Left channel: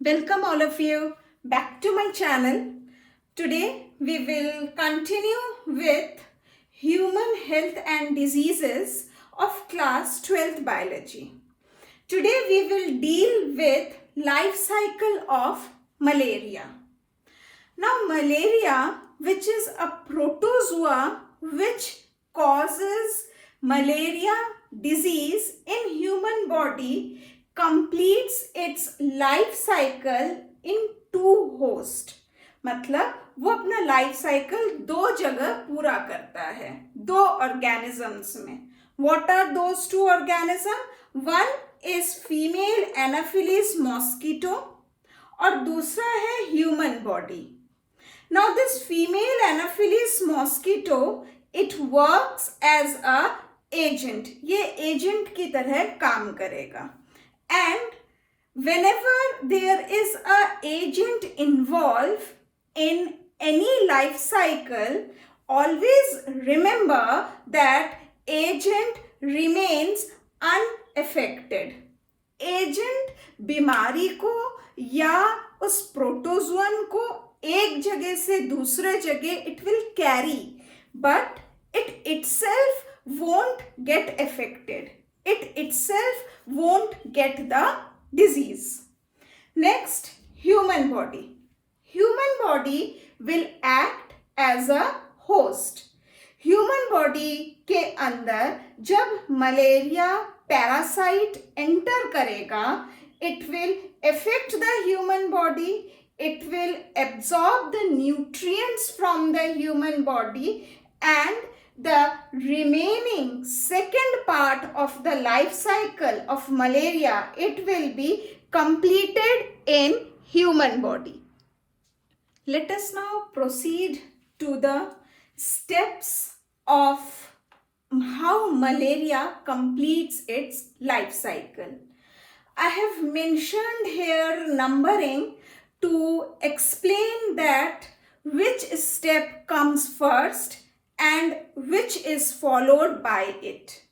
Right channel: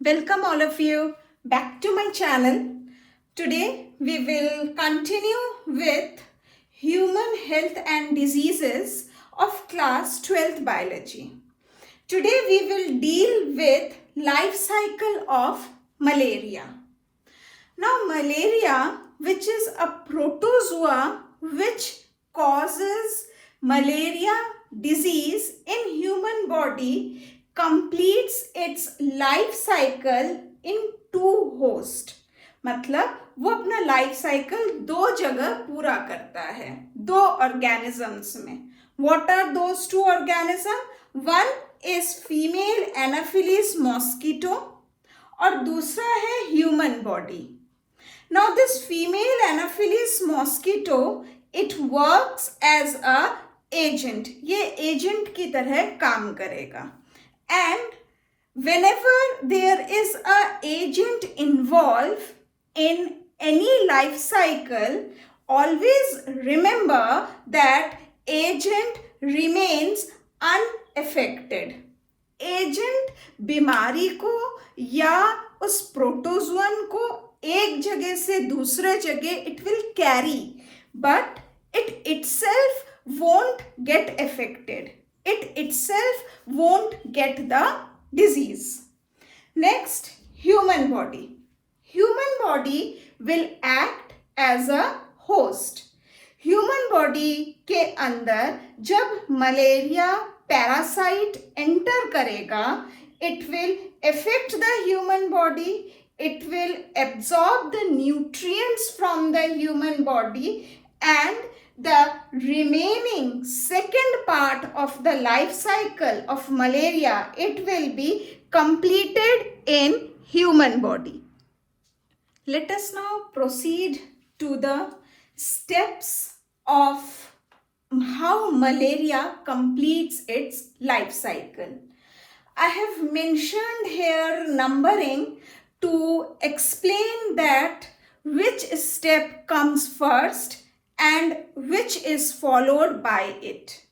Welcome all of you back to my channel. Today we will continue with human health and diseases of class 12th biology. Today we will deal with life cycle of malaria. Now malaria, which is a protozoa which causes malaria disease in human body, completes its life cycle in two host. मतलब वो अपना life cycle दो जगह पूरा करता है, दो organisms में. What are those two organisms? One is female Anopheles mosquito और दूसरा है human body. Now this female Anopheles mosquito, it works as a agent. ये agent की तरह काम करेगा. And whenever there is a agent involved in any life cycle, always remember that agent remains unaffected. Agent बीमारी को या उस protozoan को एक जगह से दूसरे जगह it will carry, but it itself won't get affected. It itself won't get the disease. Next, human body. Human body will act as a host. Human body के अंदर जब मलेरिया पैरासाइट एंटर करेगा, it will affect the human body. It will absorb the nutrients from the human body, and the remaining second part of the life cycle of malaria, it will be completed in human body. Let us now proceed to the steps of how malaria completes its life cycle. I have mentioned here numbering to explain that which step comes first and which is followed by it.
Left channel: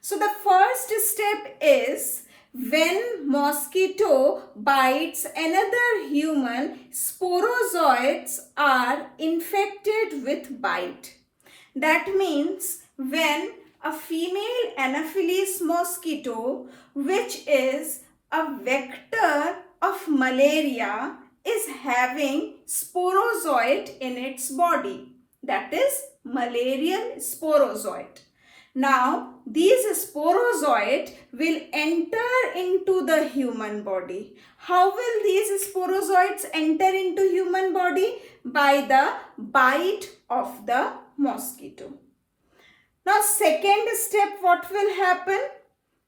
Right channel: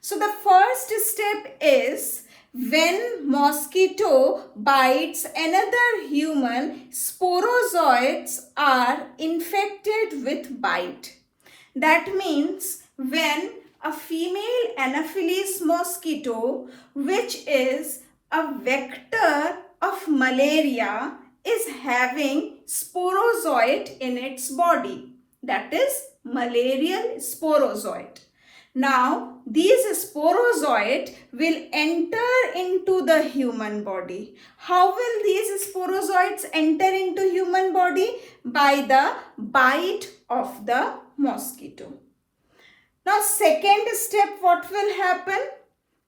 So the first step is when mosquito bites another human, sporozoites are infected with bite. That means when a female Anopheles mosquito, which is a vector of malaria, is having sporozoite in its body, that is malarial sporozoite. Now these sporozoite will enter into the human body. How will these sporozoites enter into human body? By the bite of the mosquito. Now second step, what will happen?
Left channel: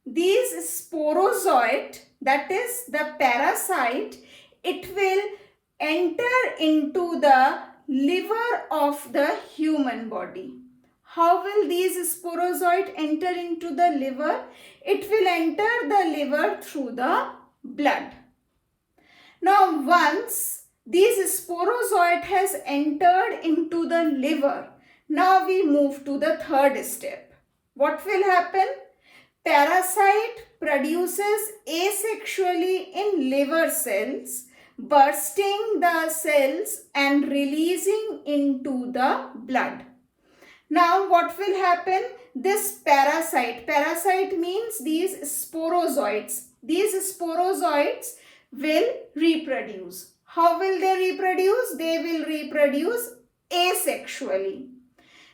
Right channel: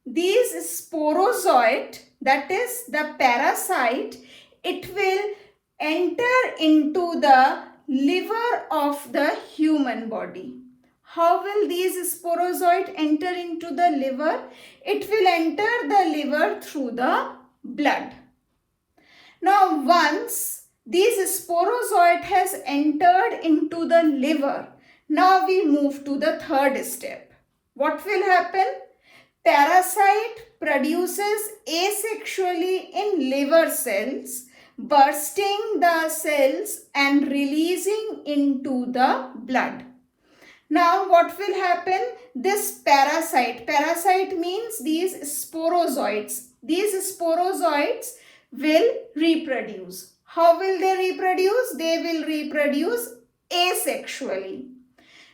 These sporozoite, that is the parasite, it will enter into the liver of the human body. How will these sporozoite enter into the liver? It will enter the liver through the blood. Now once these sporozoite has entered into the liver, now we move to the third step. What will happen? Parasite produces asexually in liver cells, bursting the cells and releasing into the blood. Now what will happen? This parasite means these sporozoites will reproduce. How will they reproduce? They will reproduce asexually.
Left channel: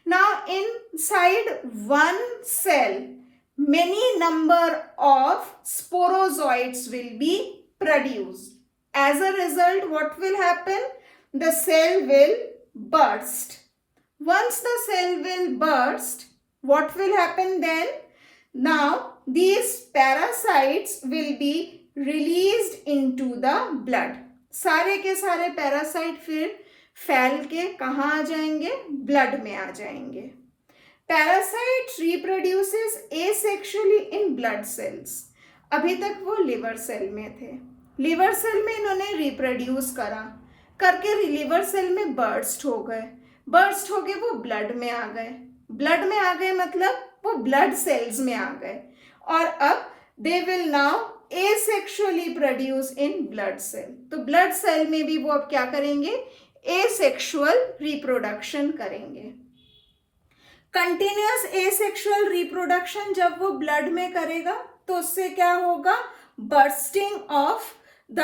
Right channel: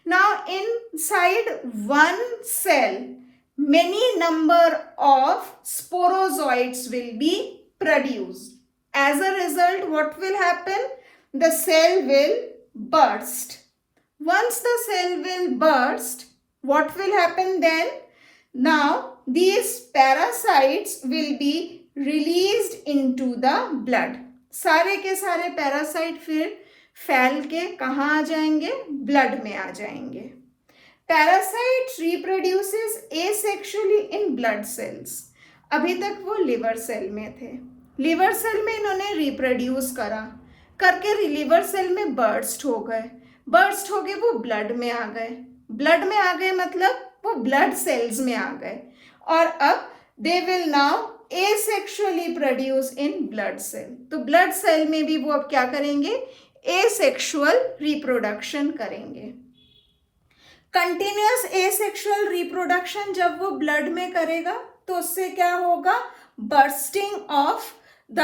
Now inside one cell, many number of sporozoites will be produced. As a result, what will happen? The cell will burst. Once the cell will burst, what will happen then? Now these parasites will be released into the blood. सारे के सारे parasite फिर फैल के कहाँ आ जाएंगे? Blood में आ जाएंगे. Parasite reproduces asexually in blood cells. अभी तक वो लिवर सेल में थे. लिवर सेल में इन्होंने रिप्रोड्यूस करा, करके लिवर सेल में बर्स्ट हो गए. बर्स्ट हो गए वो ब्लड में आ गए. ब्लड में आ गए मतलब वो ब्लड सेल्स में आ गए. और अब they will now asexually produce in blood cell. तो ब्लड सेल में भी वो अब क्या करेंगे, एसेक्सुअल रिप्रोडक्शन करेंगे। कंटिन्यूअस एसेक्सुअल रिप्रोडक्शन जब वो ब्लड में करेगा तो उससे क्या होगा, बर्स्टिंग ऑफ द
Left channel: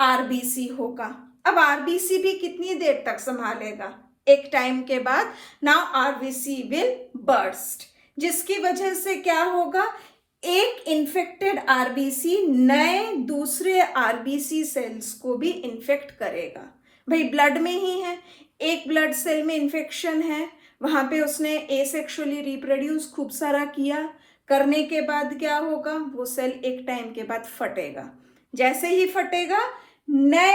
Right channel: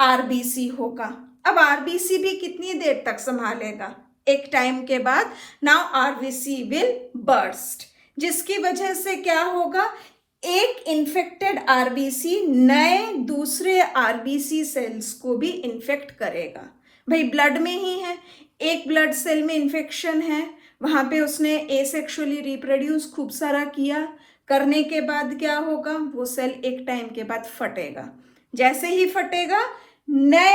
आरबीसी होगा। अब आरबीसी भी कितनी देर तक संभालेगा, एक टाइम के बाद नाउ आरबीसी विल बर्स्ट, जिसकी वजह से क्या होगा, एक इन्फेक्टेड आरबीसी नए दूसरे आरबीसी सेल्स को भी इन्फेक्ट करेगा। भाई ब्लड में ही है, एक ब्लड सेल में इन्फेक्शन है, वहां पे उसने एसेक्सुअली रिप्रोड्यूस खूब सारा किया, करने के बाद क्या होगा, वो सेल एक टाइम के बाद फटेगा। जैसे ही फटेगा नए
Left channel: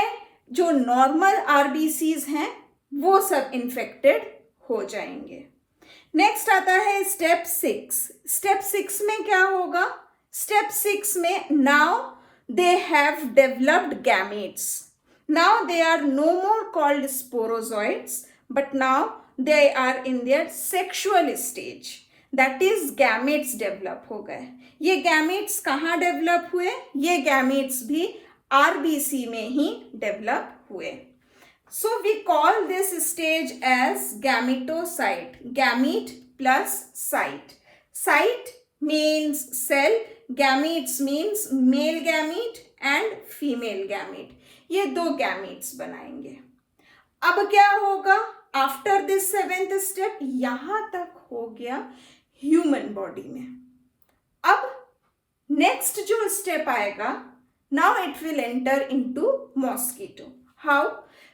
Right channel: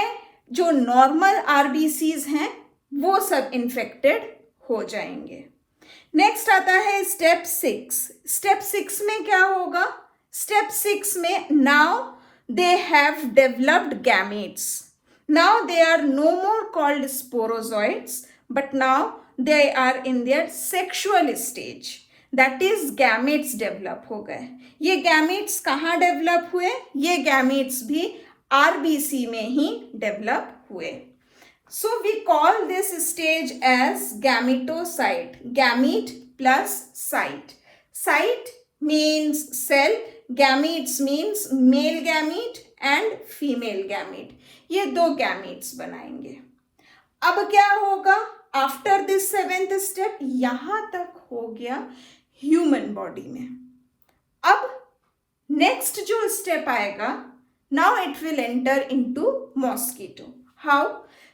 जो नॉर्मल आरबीसीज हैं वो सब इन्फेक्टेड हो जाएंगे। नेक्स्ट आता है स्टेप 6। स्टेप 6 में क्या होगा, स्टेप 6 में now they have developed gametes. Now they are no more called sporozoites but now they are in their sexual stage, that is gametes develop हो गए। ये गैमेट्स कहाँ डेवलप हुए, ये गैमेट्स भी आरबीसी में ही डेवलप हुए। So we call this stage as gametocide. Gamete plus cyte. Cyte means cell, gametes means male gamete and female gamete. ये दो gametes बनाएंगे। अब क्या होगा, आफ्टर दिस 7th स्टेप, यहां तक हो गया ह्यूमन बॉडी में। अब नेक्स्ट जो स्टेप आएगा, now it will enter into mosquito. How,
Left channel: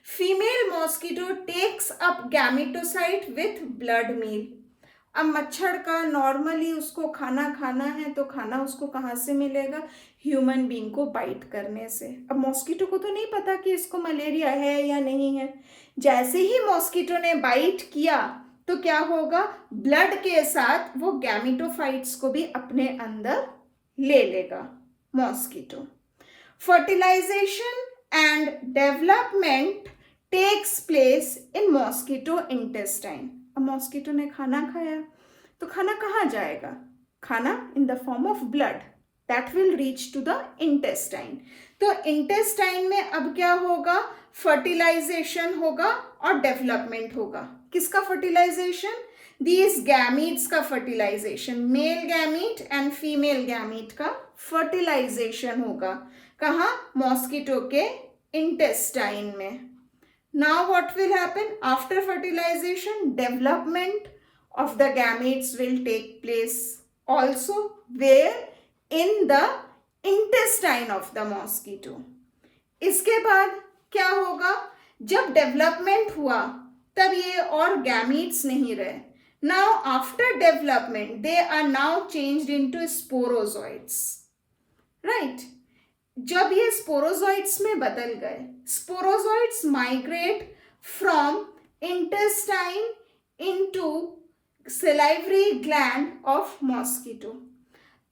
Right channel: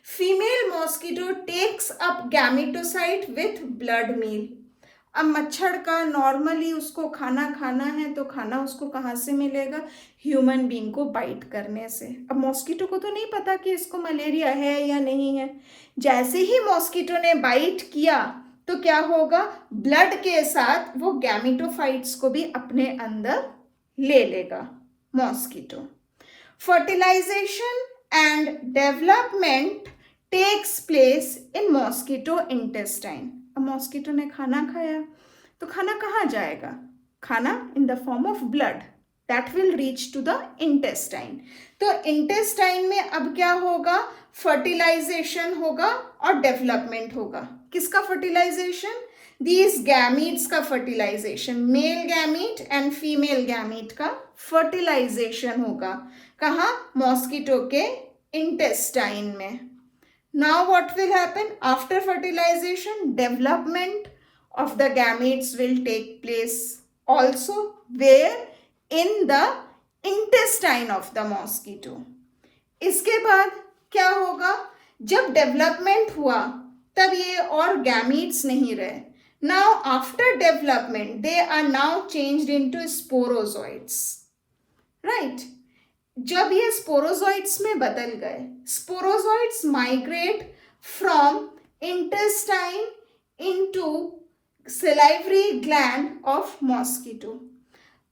female mosquito takes up gametocyte with blood meal. अब मच्छर का नॉर्मली उसको खाना खाना है तो खाना उसको कहाँ से मिलेगा, ह्यूमन बीइंग को बाइट करने से। अब मॉस्किटो को तो नहीं पता कि इसको मलेरिया है या नहीं है। जैसे ही मॉस्किटो ने बाइट किया तो क्या होगा, ब्लड के साथ वो गैमेटोफाइट्स को भी अपने अंदर ले लेगा mosquito. Fertilisation and development takes place in mosquito intestine. अब मॉस्किटो ने खाना खाया तो खाना कहाँ जाएगा, खाना in the form of blood that will reach to the intestine. तो इंटेस्टाइन में अब क्या होगा, फर्टिलाइजेशन होगा और डेवलपमेंट होगा। किसका फर्टिलाइजेशन, दीज गैमीट्स का fertilisation, male gamete and female gamete का फर्टिलाइजेशन होगा। कहाँ, मॉस्किटो के इंटेस्टाइन में। Now what will happen after fertilization, development of the gametes will take place also where in the intestine of the mosquito. इसके बाद क्या होगा, जब डेवलपमेंट हुआ तब ये और गैमीट्स नहीं रहे। Now after development they are now changed into sporozoites, right? जब ये स्पोरोजॉइट्स में बदल गए, sporozoites migrate from intestine into salivary gland of mosquito.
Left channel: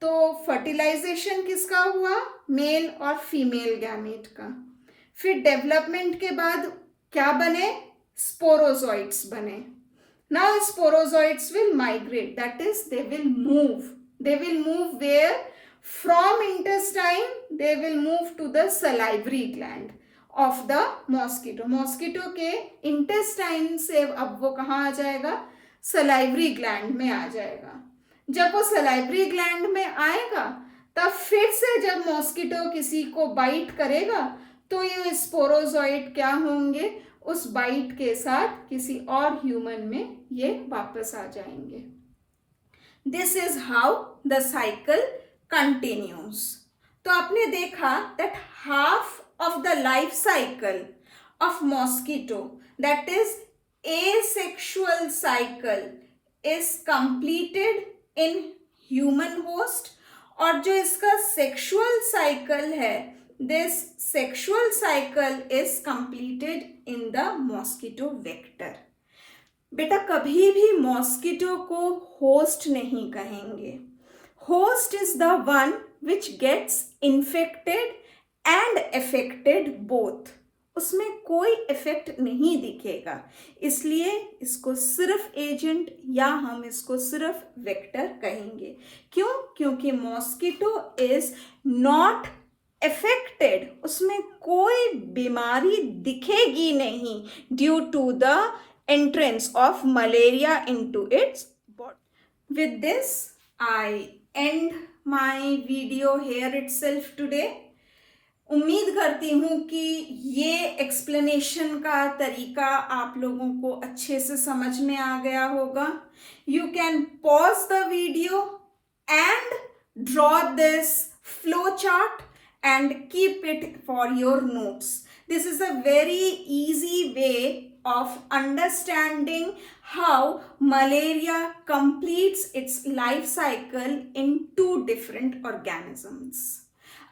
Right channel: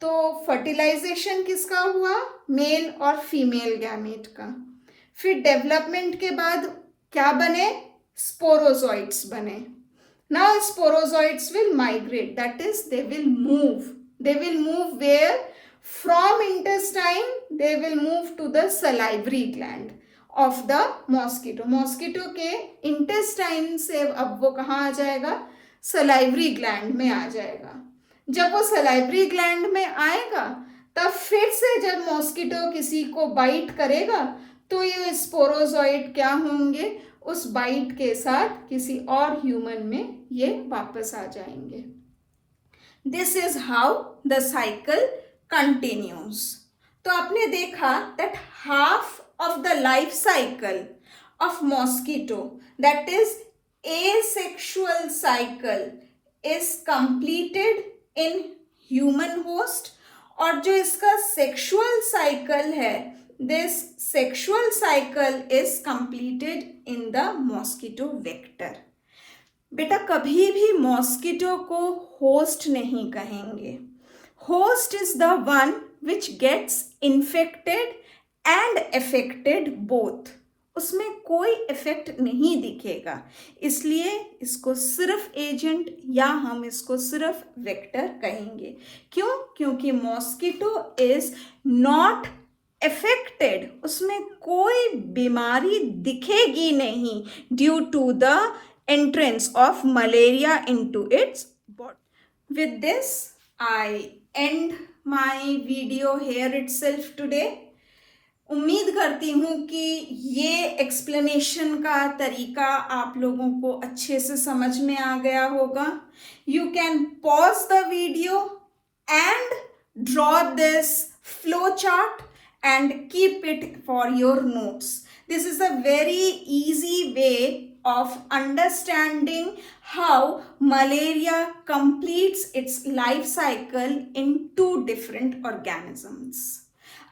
तो फर्टिलाइजेशन किसका हुआ, मेल और फीमेल गैमेट का। फिर डेवलपमेंट के बाद क्या बने, स्पोरोजॉइट्स बने। Now sporozoites will migrate, that is they will move where, from intestine they will move to the salivary gland of the mosquito. Mosquito के intestine से अब वो कहाँ आ जाएगा, salivary gland में आ जाएगा। जब वो salivary gland में आएगा तब फिर से जब मॉस्किटो किसी को बाइट करेगा तो ये स्पोरोजॉइट क्या होंगे, उस बाइट के साथ किसी और ह्यूमन में ये वापस आ जाएंगे। This is how the cycle continues. तो आपने देखा that half of the life cycle of mosquito, that is asexual cycle, is completed in human host, और जो इसका sexual cycle है, this sexual cycle is completed in the mosquito vector. बेटा कभी भी मॉस्किटो को होस्ट नहीं कहेंगे। Host is the one which gets infected and affected both. उसमें कोई इफेक्ट नहीं दिखेगा, इसलिए इसको सिर्फ एजेंट या हम इसको सिर्फ वेक्टर कहेंगे। क्यों, क्योंकि मॉस्किटो इज नॉट अफेक्टेड, उसमें कोई बीमारी दिखेगी नहीं due to the entrance of malaria into its body. With this I end my video here itself today. उम्मीद करती हूँ कि ये एक्सप्लेनेशन का तरीका आप लोगों को अच्छे से समझ में आ गया होगा। You can pause the video and draw this flow chart and keep it for your notes. This is a very easy way of understanding how malaria completes its life cycle in 2 different organisms.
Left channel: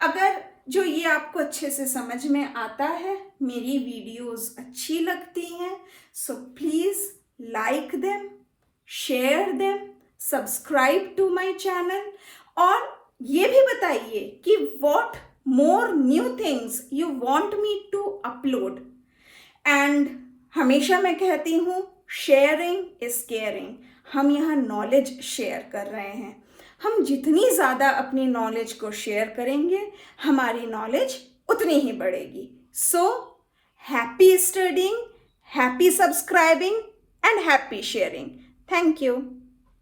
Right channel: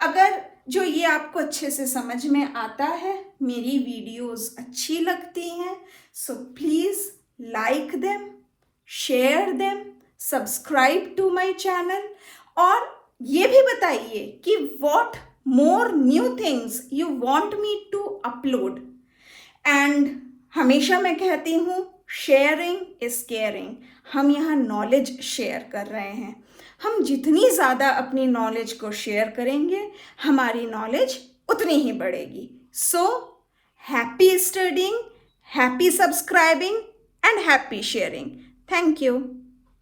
अगर जो ये आपको अच्छे से समझ में आता है, मेरी वीडियोस अच्छी लगती हैं, so please like them, share them, subscribe to my channel और ये भी बताइए कि what more new things you want me to upload. And हमेशा मैं कहती हूँ शेयरिंग इज केयरिंग। हम यहाँ नॉलेज शेयर कर रहे हैं। हम जितनी ज़्यादा अपनी नॉलेज को शेयर करेंगे हमारी नॉलेज उतनी ही बढ़ेगी। So happy studying, happy subscribing and happy sharing. Thank you.